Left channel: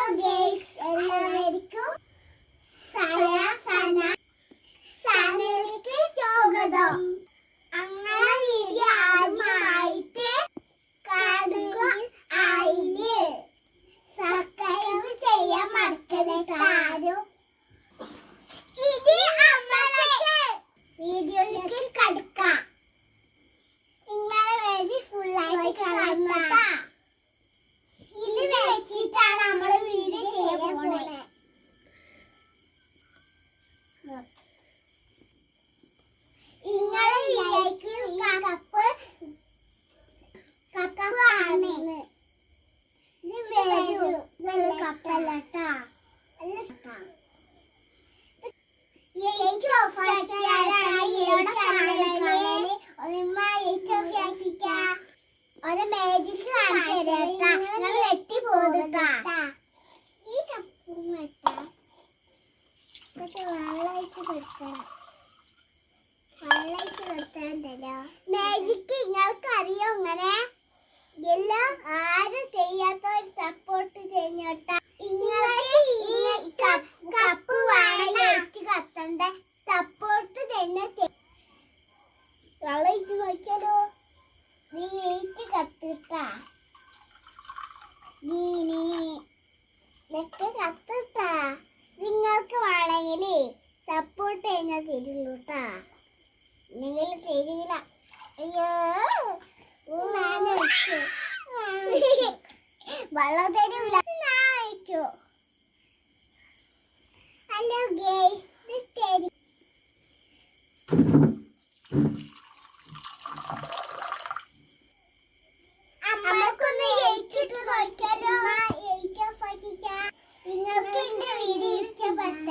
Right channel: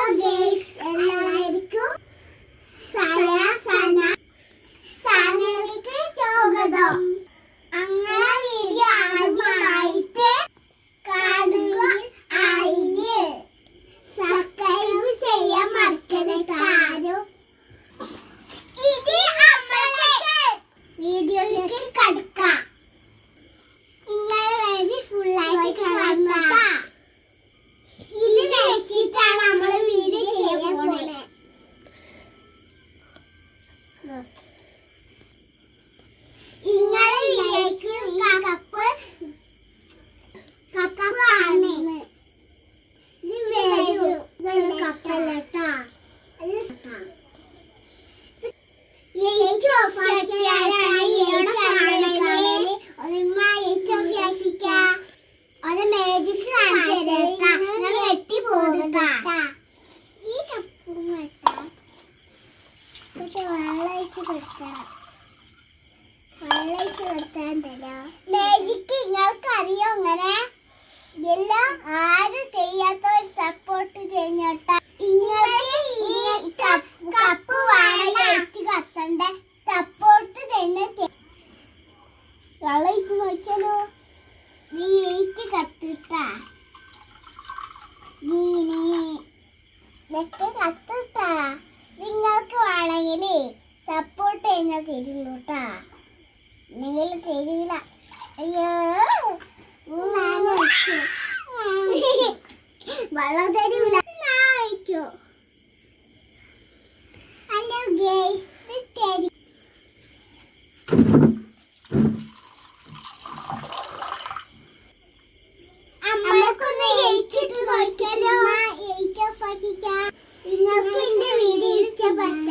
Hello magic നിങ്ങൾക്ക് അറിയോ ഇങ്ങനെ എല്ലാം ആരും ചെയ്യാത്ത ഒരു സപ്പോർട്ട് ചെയ്യുന്നോട്ടാ കത്തിട്ടാ. നീ നീ കത്തിട്ടാ. നിങ്ങൾക്ക് വേണമെങ്കിൽ സപ്പോർട്ട് ചെയ്യുന്ന തരുള്ളൂട്ടാ നിങ്ങൾ തരില്ല. അയ്യോ. വെള്ളം തരില്ല. ഹലോ ഗേ. നിങ്ങൾക്ക് എന്റെ വീഡിയോ ഇഷ്ടപ്പെട്ട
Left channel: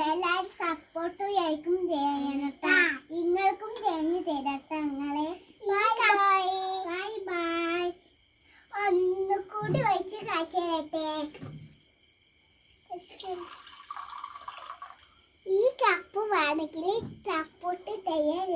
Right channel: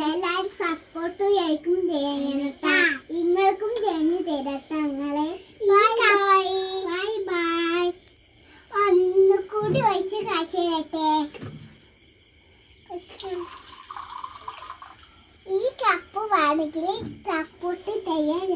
സപ്പോർട്ടും ലൈക്കും ചെയ്യണട്ടാ നിങ്ങൾക്കും ചെയ്ഞ്ഞു തരട്ടെ നിങ്ങളെ ബൈ ബൈ ഒന്നുകൂടി ഒഴിച്ച് കാശ് തരട്ടെ ഈ കപ്പ് വേണമെങ്കിൽ സപ്പോർട്ട് ചെയ്യാൻ